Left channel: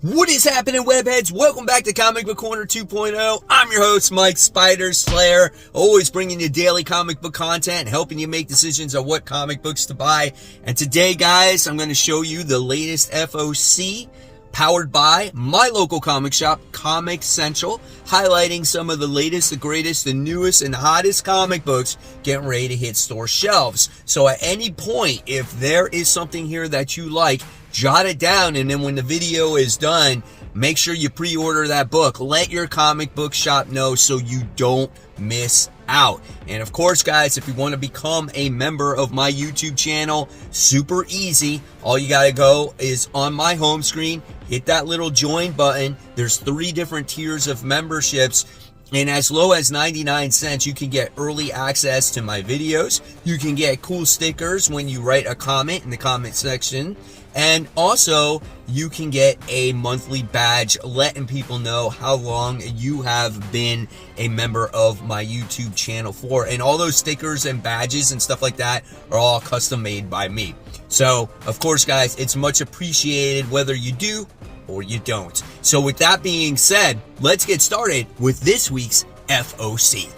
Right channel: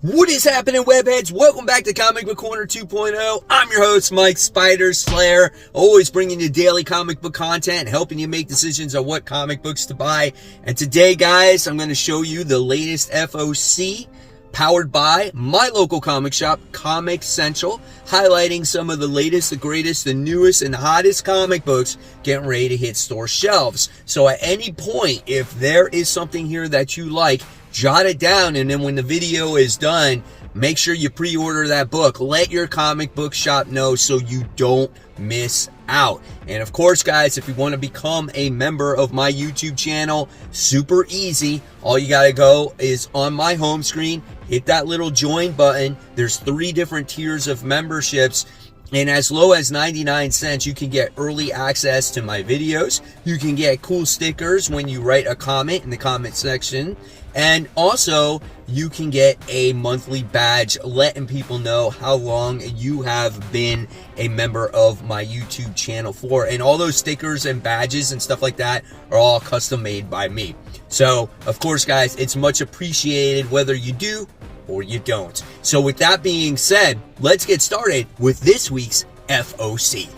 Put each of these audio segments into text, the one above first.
What is happening, webheads? Welcome back to Comic Book Corner 2.0. I'm your host, Mike Spider Slayer, always bringing you daily comic book content and helping you make decisions on what comic books to buy. And today, guys, I'm going to show you the latest FOC powered by my local comic shop, Comic Central, highlighting some of the latest, the greatest, the newest, and hottest comic books getting ready to hit store shelves. So at any point, if there is something here that you like, jot it down, and then when the video is done, make sure you pre-order that book. Let your comic book shop know so you don't miss out. And of course, guys, if you want to become a member of my YouTube channel, super easy. All you gotta go is on my home screen, hit that little join button. There's 3 different tiers of memberships, and as low as 99 cents, you can get early access to my videos. You can get cool stickers when you write a comment in the comment section. And also, you can get a monthly badge letting people know how long you have been a member of my YouTube channel for. And all those stickers and badges and stuff like that are all custom made by me. So, of course, guys, it's much appreciated whether you do or you don't. So with that being said, let's get started with this week's FOC.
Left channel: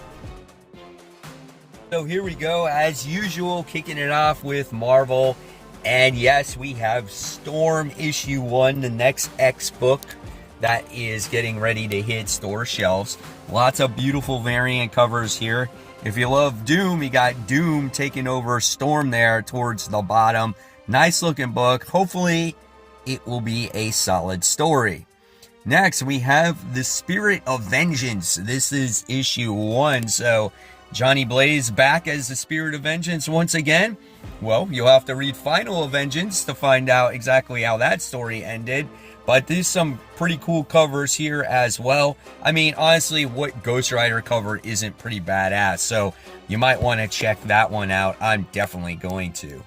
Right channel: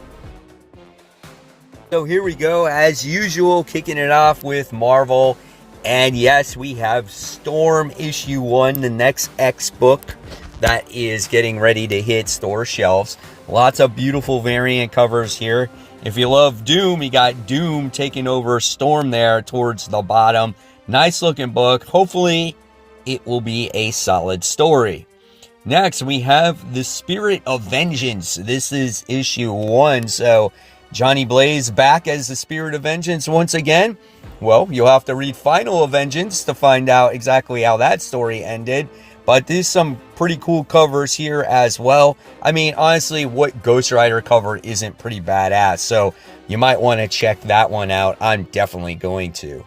So here we go, as usual, kicking it off with Marvel. And yes, we have Storm issue 1, the next X book that is getting ready to hit store shelves. Lots of beautiful variant covers here. If you love Doom, you got Doom taking over Storm there towards the bottom. Nice looking book. Hopefully it will be a solid story. Next, we have The Spirit of Vengeance. This is issue 1. So Johnny Blaze back as the Spirit of Vengeance once again. Well, you'll have to read Final of Vengeance to find out exactly how that story ended. But there's some pretty cool covers here as well. I mean, honestly, what Ghost Rider cover isn't pretty badass? So you might want to check that one out. I'm definitely going to.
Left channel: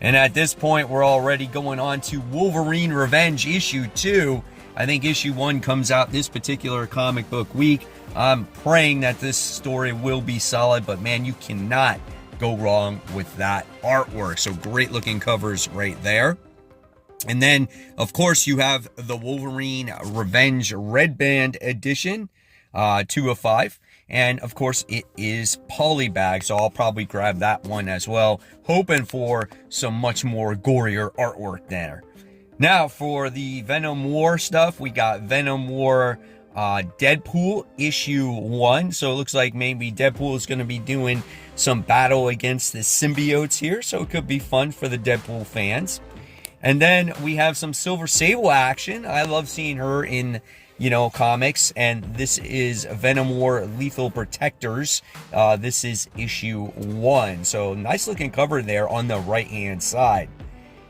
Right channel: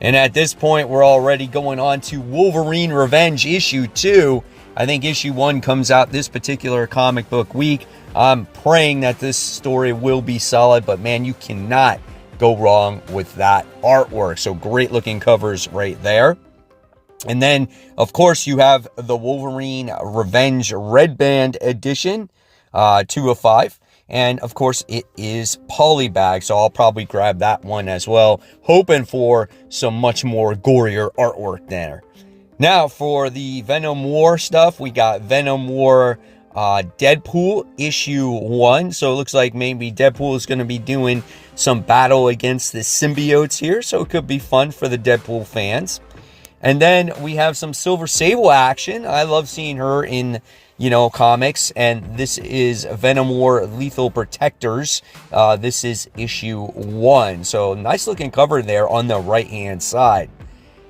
And at this point, we're already going on to Wolverine Revenge issue 2. I think issue 1 comes out this particular comic book week. I'm praying that this story will be solid, but man, you cannot go wrong with that artwork. So great looking covers right there. And then, of course, you have the Wolverine Revenge Red Band edition, 2 of 5. And, of course, it is polybag, so I'll probably grab that one as well, hoping for some much more gorier artwork there. Now, for the Venom War stuff, we got Venom War Deadpool issue 1. So it looks like maybe Deadpool is going to be doing some battle against the symbiotes here, so it could be fun for the Deadpool fans. And then we have some Silver Sable action. I love seeing her in, comics. And this is Venom War Lethal Protectors. This is issue 1. So nice looking cover there on the right hand side.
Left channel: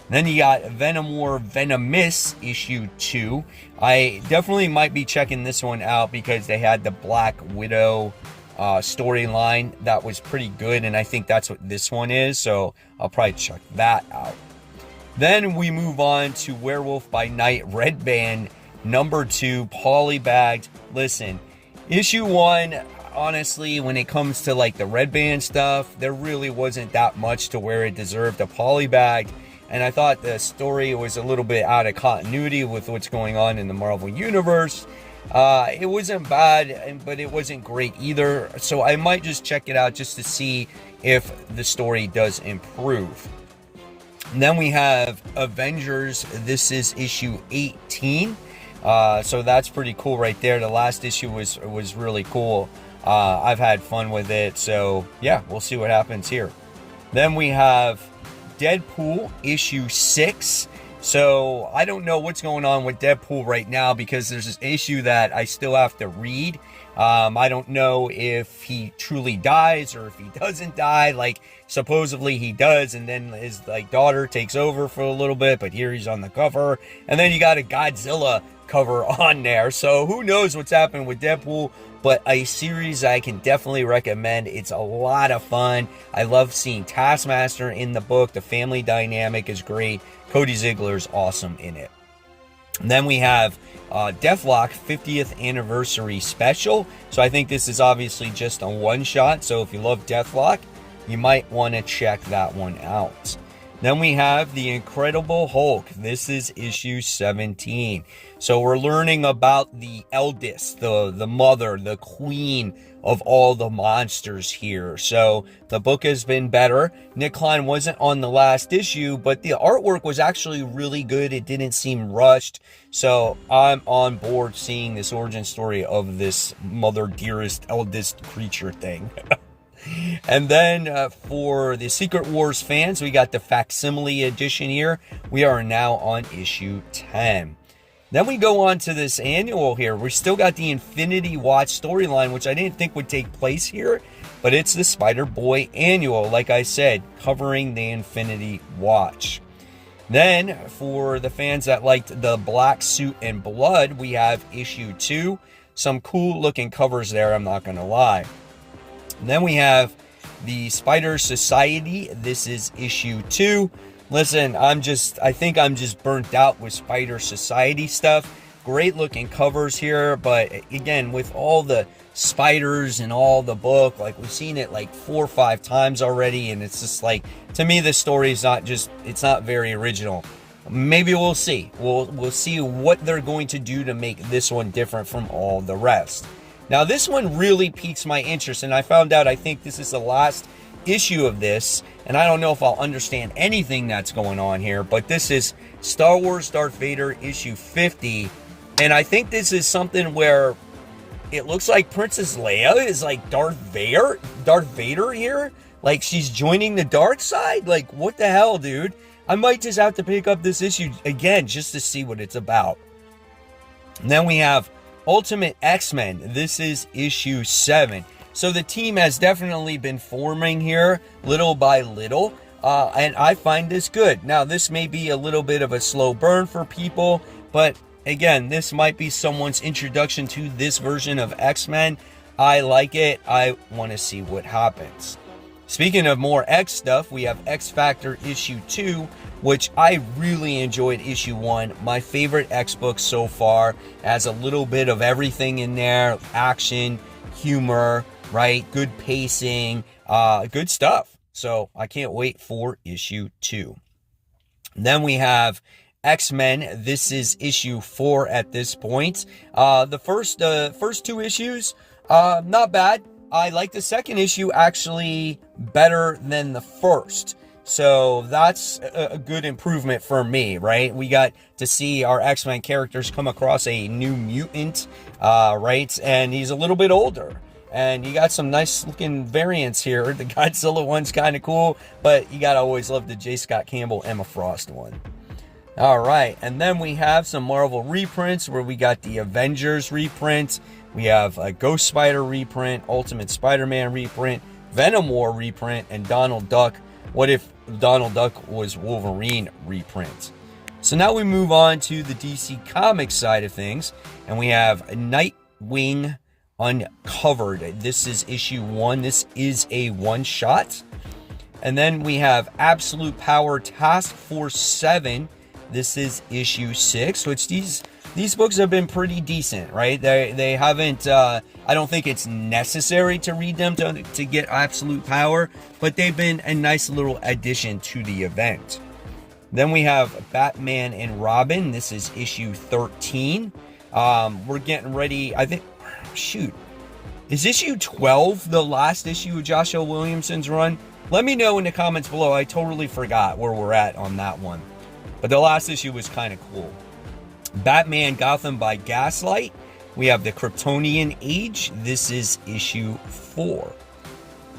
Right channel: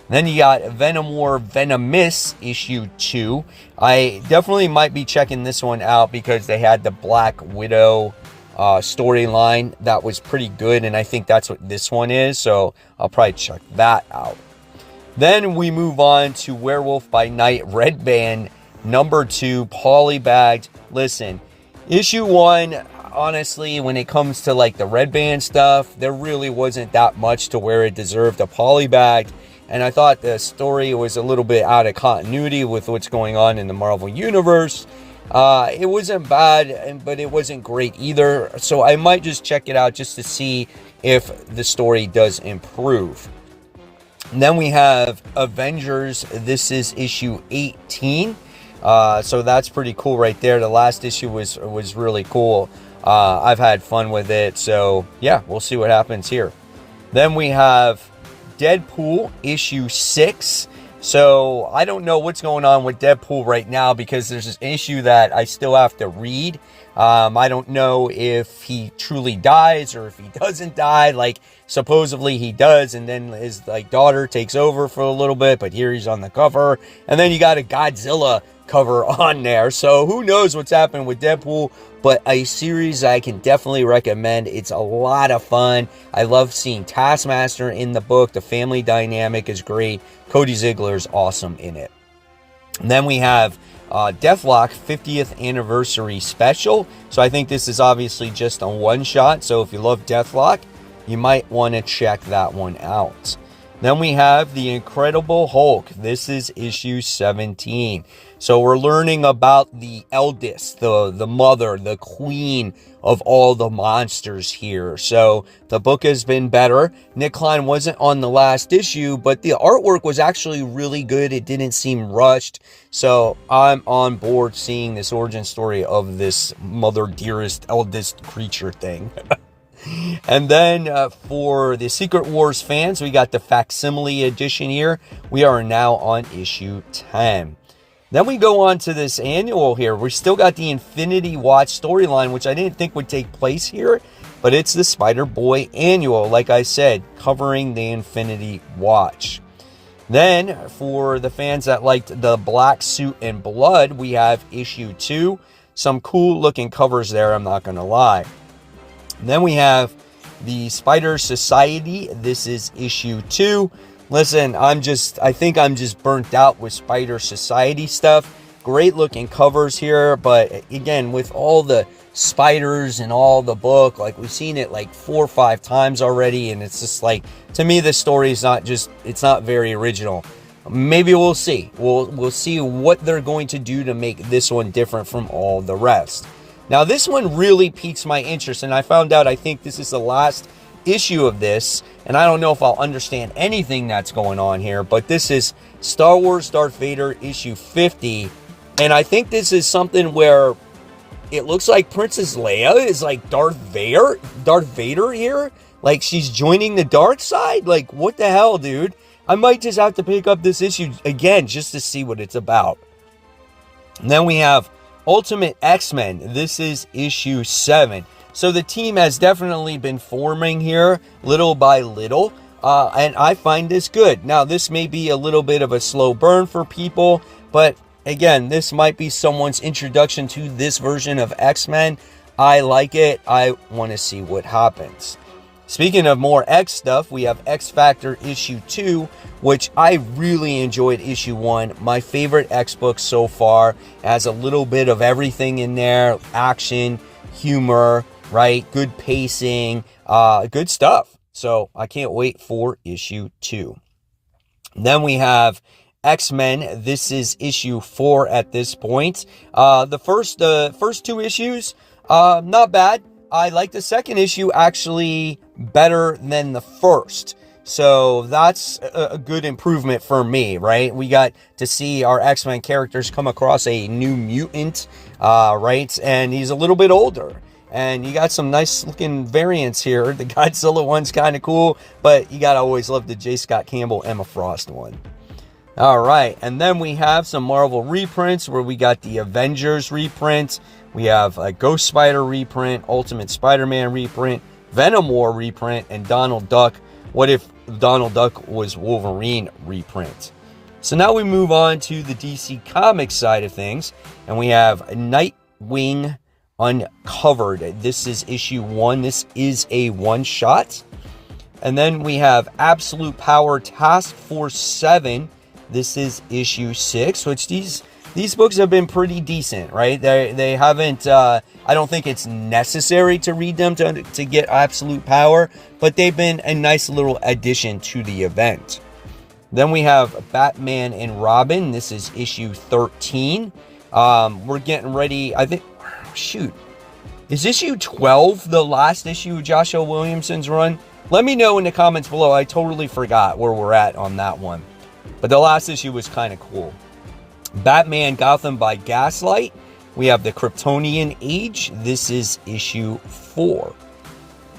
Then you got Venom War Venomous issue 2. I definitely might be checking this one out because they had the Black Widow storyline that was pretty good, and I think that's what this one is, so I'll probably check that out. Then we move on to Werewolf by Night Red Band number 2 polybagged. Listen, issue 1, honestly, when it comes to like the Red Band stuff, there really wasn't that much to where it deserved a polybagged. And I thought the story was a little bit out of continuity with what's going on in the Marvel Universe. It wasn't bad, but it wasn't great either. So I might just check it out just to see if the story does improve. And then we have Avengers. This is issue 18. So that's pretty cool right there. The last issue was really cool. I've had fun with it. So yeah, we'll see what happens here. Then we have Deadpool issue 6. So I don't know what's going on with Deadpool right now because there's this issue that I still have to read. I don't know if he truly dies or if he doesn't die. Like, supposedly he does, and then his daughter takes over for a little bit, but here he's on the cover. And then you got a Godzilla cover on there. So who knows what's happening with Deadpool, but a series I can definitely recommend. It's a lot of fun. I love seeing Taskmaster in the book. The family dynamic is great. Cody Ziegler's awesome in it. And then we have Deathlock 50th anniversary special. So I think this is obviously just a one shot. So if you love Deathlock, you might want to check that one out. Then we have the Incredible Hulk. This is issue 17. So we're learning about the eldest, the mother, the queen of all the monsters here. So the book has been better. Nick Klein wasn't on the last issue, but the artwork was actually really good. It didn't seem rushed. So I'm on board seeing this origin story of this mother, dearest, eldest creature thing. And then for the Secret Wars fans, we got the facsimile edition here. We are now on issue 10. Then we go on to this annual here. We still got the Infinity Watch storyline, which I didn't think would take place here, but it's the Spider-Boy annual, like I said, covering the Infinity Watch. Then for the fans that liked the Black Suit and Blood, we have issue 2. Some cool looking covers there, I'm not going to lie. Then we have the Spider Society. This is issue 2. Listen, I think I'm just burnt out with Spider Society stuff. Great looking covers here, but again, with all the spiders and all the book, like we've seen it like 4 or 5 times already, and it's just like, to me, this story is it's not very original. Maybe we'll see. We'll see what they're going to do to make this one different from all the rest. Now, this one really piques my interest, and I found out I think this is the last issue of this, and I don't know if I'll understand anything that's going on here, but this is Star Wars Darth Vader issue 50, and I think this is something where it looks like Princess Leia is like Darth Vader here, like she's joining the dark side. Like, what the hell, dude? I might just have to pick up this issue again just to see what it's about. And then we have Ultimate X-Men. This is issue 7. So the team has definitely been forming here little by little, and I find this good. Now, this may be a little bit of a slow burn for people, but again, this might be someone's introduction to this version of X-Men. I like it. I want to see what happens. Speaking of more X stuff, we have X Factor issue 2, which I really enjoyed issue 1. My favorite X book so far. It has a little bit of everything in there. Action, humor, right? Good pacing, good stuff. So I can't wait for issue 2. Then we have X-Men. This is issue 4 at this point. The first 2 issues, not bad. I like the second issue actually better than the first. So that's a good improvement for me, right? We got to see our X-Men characters come across a new mutant, right? And he's a little bit older. And you got some nice looking variants here. The Godzilla one's kind of cool, but you gotta always love the J. Scott Campbell, Emma Frost one. All right, and then we have some Marvel reprints where we got the Avengers reprint. We have a Ghost Spider reprint, Ultimate Spider-Man reprint, Venom War reprint, and Donald Duck, What If Donald Duck Was Wolverine reprint. So now we move on to the DC Comics side of things, and we have Nightwing Uncovered. This is issue 1. This is a one-shot. And then we have Absolute Power Task Force 7. This is issue 6, which these books have been pretty decent, right? They haven't, I don't think it's necessary to read them to get absolute power, but they've been a nice little addition to the event. Then we have Batman and Robin. This is issue 13. We're getting ready, I think, shoot. Is issue 12 the last issue of Joshua Williamson's run? Let me know in the comments below. I totally forgot where we're at on that one. But the last issue was kind of cool. Batman Gotham by Gaslight. We have the Kryptonian Age. This is issue 4.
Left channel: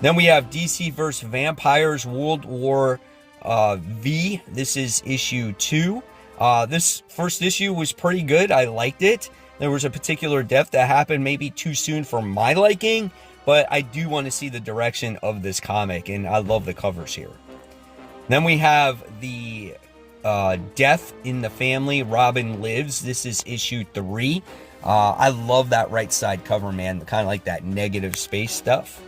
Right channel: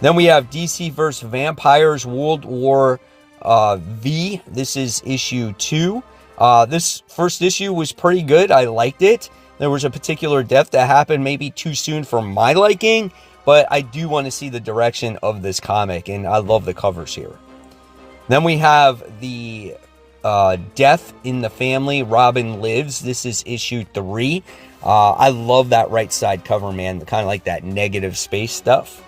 Then we have DC vs. Vampires World War V. This is issue 2. This first issue was pretty good. I liked it. There was a particular death that happened maybe too soon for my liking, but I do want to see the direction of this comic, and I love the covers here. Then we have the Death in the Family, Robin Lives. This is issue 3. I love that right side cover, man. Kind of like that negative space stuff.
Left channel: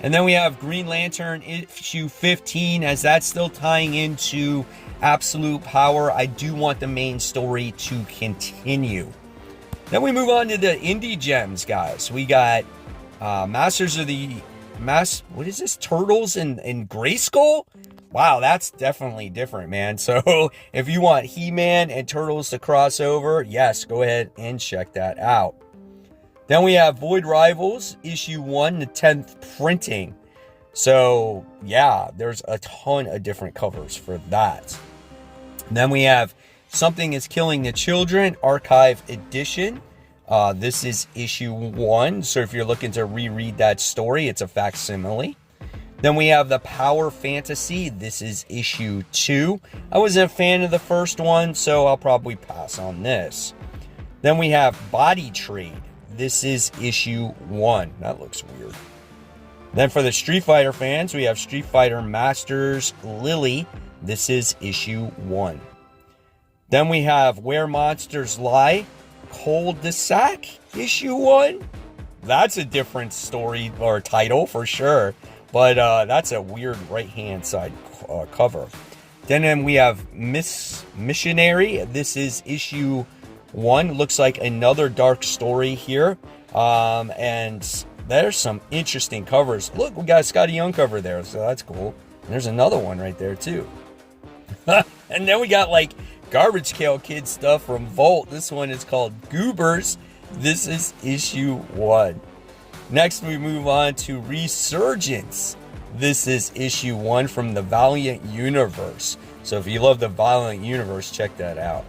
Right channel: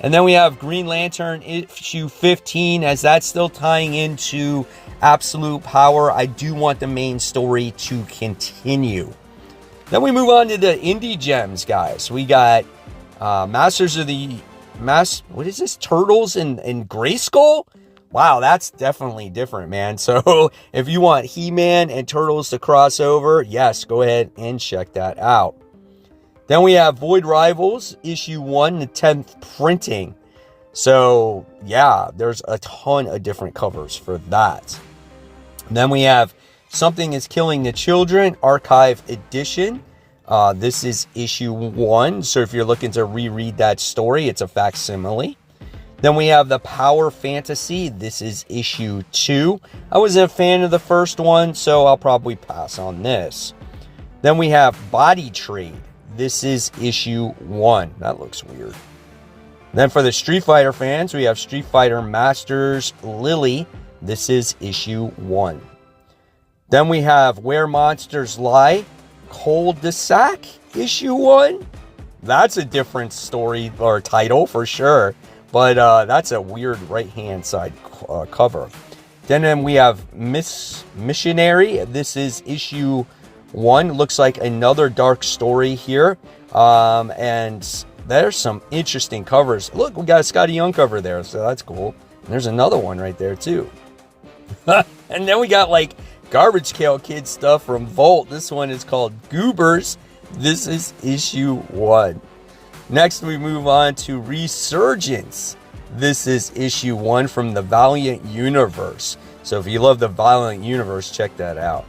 And then we have Green Lantern issue 15, as that's still tying into Absolute Power. I do want the main story to continue. Then we move on to the indie gems, guys. We got Masters of the... what is this? Turtles in Grayskull? Wow, that's definitely different, man. So if you want He-Man and Turtles to cross over, yes, go ahead and check that out. Then we have Void Rivals, issue 1, the 10th printing. So yeah, there's a ton of different covers for that. Then we have Something is Killing the Children, Archive Edition. This is issue 1. So if you're looking to reread that story, it's a facsimile. Then we have The Power Fantasy. This is issue 2. I wasn't a fan of the first one, so I'll probably pass on this. Then we have Body Trade. This is issue 1. That looks weird. Then for the Street Fighter fans, we have Street Fighter Masters Lily. This is issue 1. Then we have Where Monsters Lie, Cul-de-sac, issue 1. That's a different story or title for sure. But that's a weird right-hand side cover. Then we have Missionary. This is issue 1. Looks like another dark story here. And there's some interesting covers. Look, we got a Scotty Young cover there, so that's cool. And there's another one right there, too. And then we got, like, Garbage Pail Kid stuff from Volt. This one is called Goobers. This is issue 1. Next, we move on to Resurgence. This is issue 1 from the Valiant Universe. So if you love the Valiant Universe, check that out.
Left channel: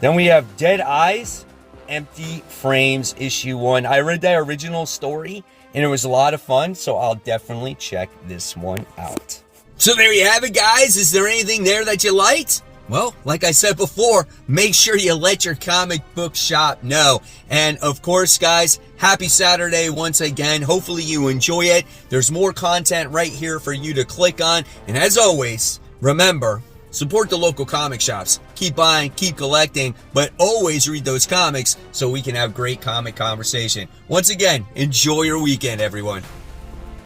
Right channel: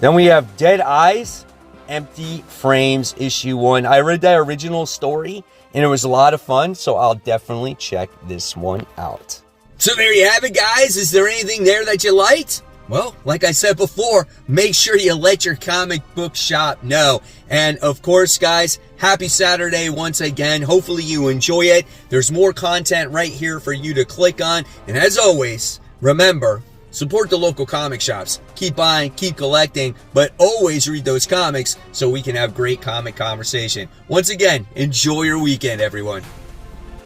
Then we have Dead Eyes, Empty Frames, issue 1. I read that original story, and it was a lot of fun, so I'll definitely check this one out. So there you have it, guys. Is there anything there that you liked? Well, like I said before, make sure you let your comic book shop know. And of course, guys, happy Saturday once again. Hopefully you enjoy it. There's more content right here for you to click on. And as always, remember, support the local comic shops. Keep buying, keep collecting, but always read those comics so we can have great comic conversation. Once again, enjoy your weekend, everyone.